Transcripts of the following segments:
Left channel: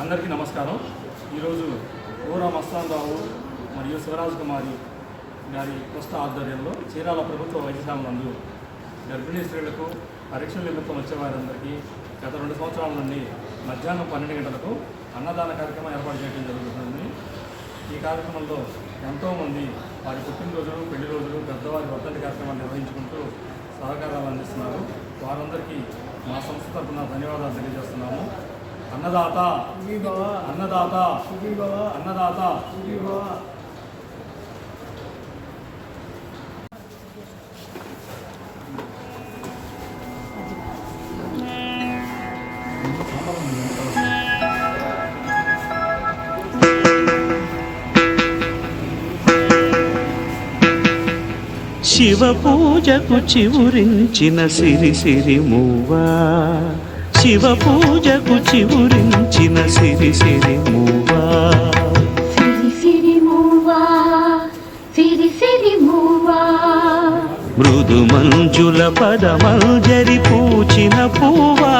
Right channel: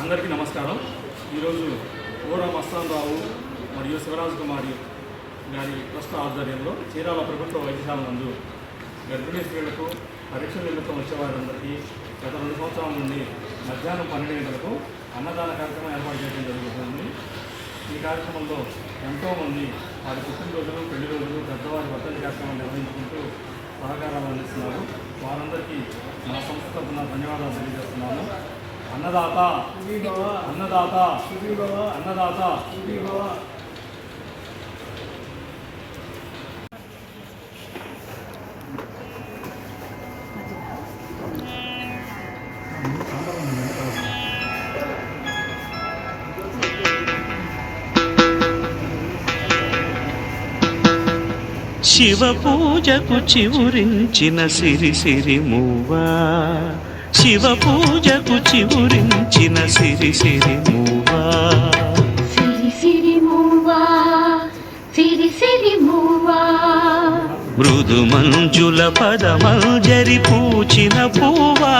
అందరికీ నమస్కారం. ఈరోజు ఊరా మస్తానరావు మరియు శివరాజ్ కుమారి గారి ట్రస్ట్ ఆధ్వర్యంలో చీరాల ప్రభుత్వ వైద్యశాల నందు గర్భిణీ స్త్రీలకు పరీక్షల నిమిత్తం వచ్చేవారందరికీ గత రెండు సంవత్సరాల నుండి మధ్యాహ్నం పన్నెండు గంటలకు అన్నదాన కార్యక్రమం ఏర్పాటు చేయడం జరుగుతుంది. ఈ కార్యక్రమంలో ఎంతోమంది వారి పుట్టినరోజులు పెళ్ళి రోజులు పెద్దవారి వర్తంతి కార్యక్రమాలు నిర్వహించుకుంటూ సహకారాలు అందిస్తున్నారు. వారందరికీ మా సంస్థ తరఫున ధన్యవాదాలు తెలియజేస్తున్నాము. అన్నదాత. అన్నదాత. అన్నదాత. శివ పూజకు చివురించిన సిరి సిరి మూవా శివ పూజకు చివురించిన సిరి సిరి మూవా. మృదు మంజుల పదమంజరి పూచిన పూవా.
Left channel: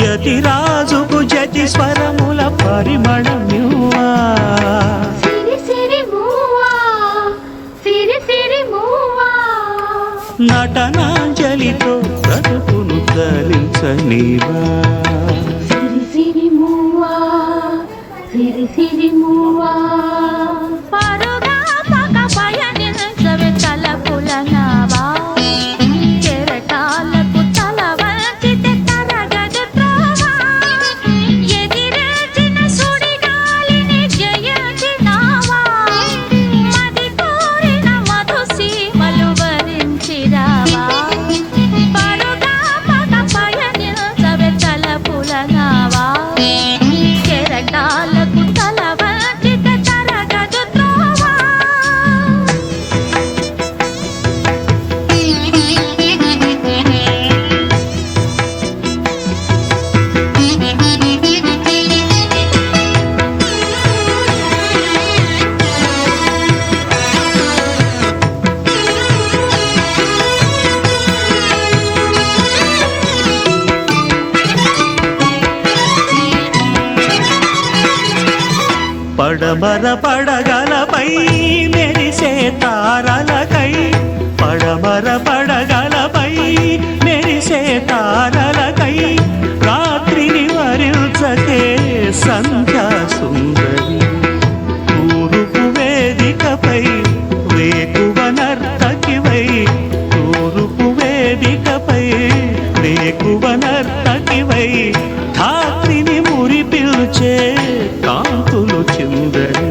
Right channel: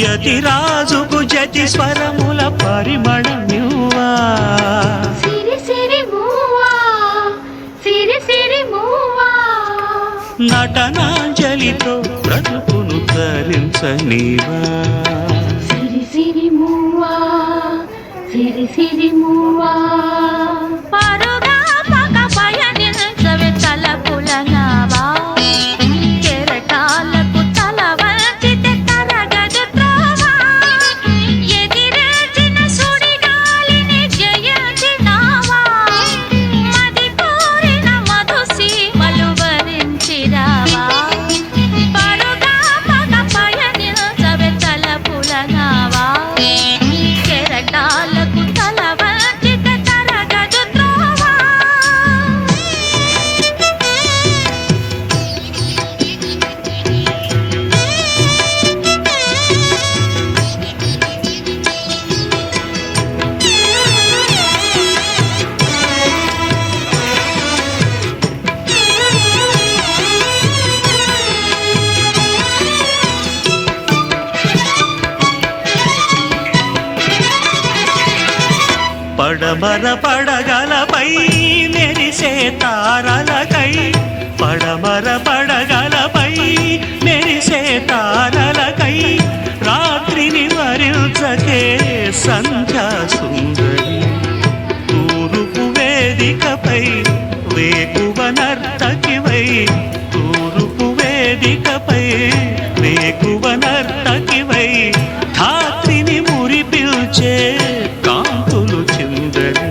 యతి రాజుకు జతి స్వరముల పరిమళమ్యువా నటనాంజలితో బ్రతుకును తరించనివా? సిరి సిరి మూవా సిరి సిరి మూవా. పడమర పడగలపై మెరిసే తారలకై పడమర పడగలపై మెరిసే తారలకై రాత్రిని వరించకే సంధ్యా సుందరి. తూరుపు వేదికపై వేకువ నర్తకివై తూరుపు వేదికపై వేకువ నర్తకివై ధాత్రిని మురిపిల్చే కాంతులు చిందరి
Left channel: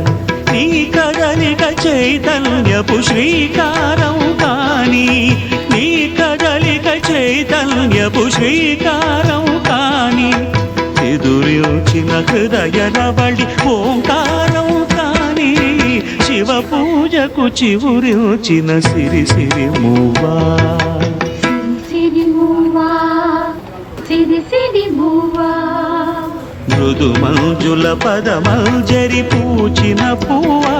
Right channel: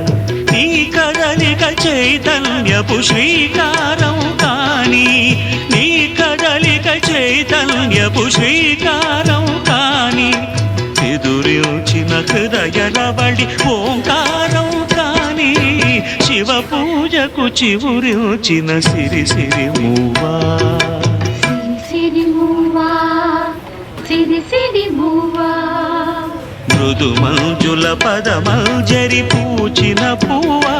నీ కదలిక చైతన్యపు శ్రీకారం కాని నీ కదలిక చైతన్యపు శ్రీకారం కాని ఎదురిచిన హృదయ రవళి ఓంకారం కాని శివ పూజకు చివురిచిన సిరి సిరి మూవా. సిరి సిరి మూవా సిరి సిరి మూవా. మృదు మంజుల పదమంజరి పూచిన పువ్వా.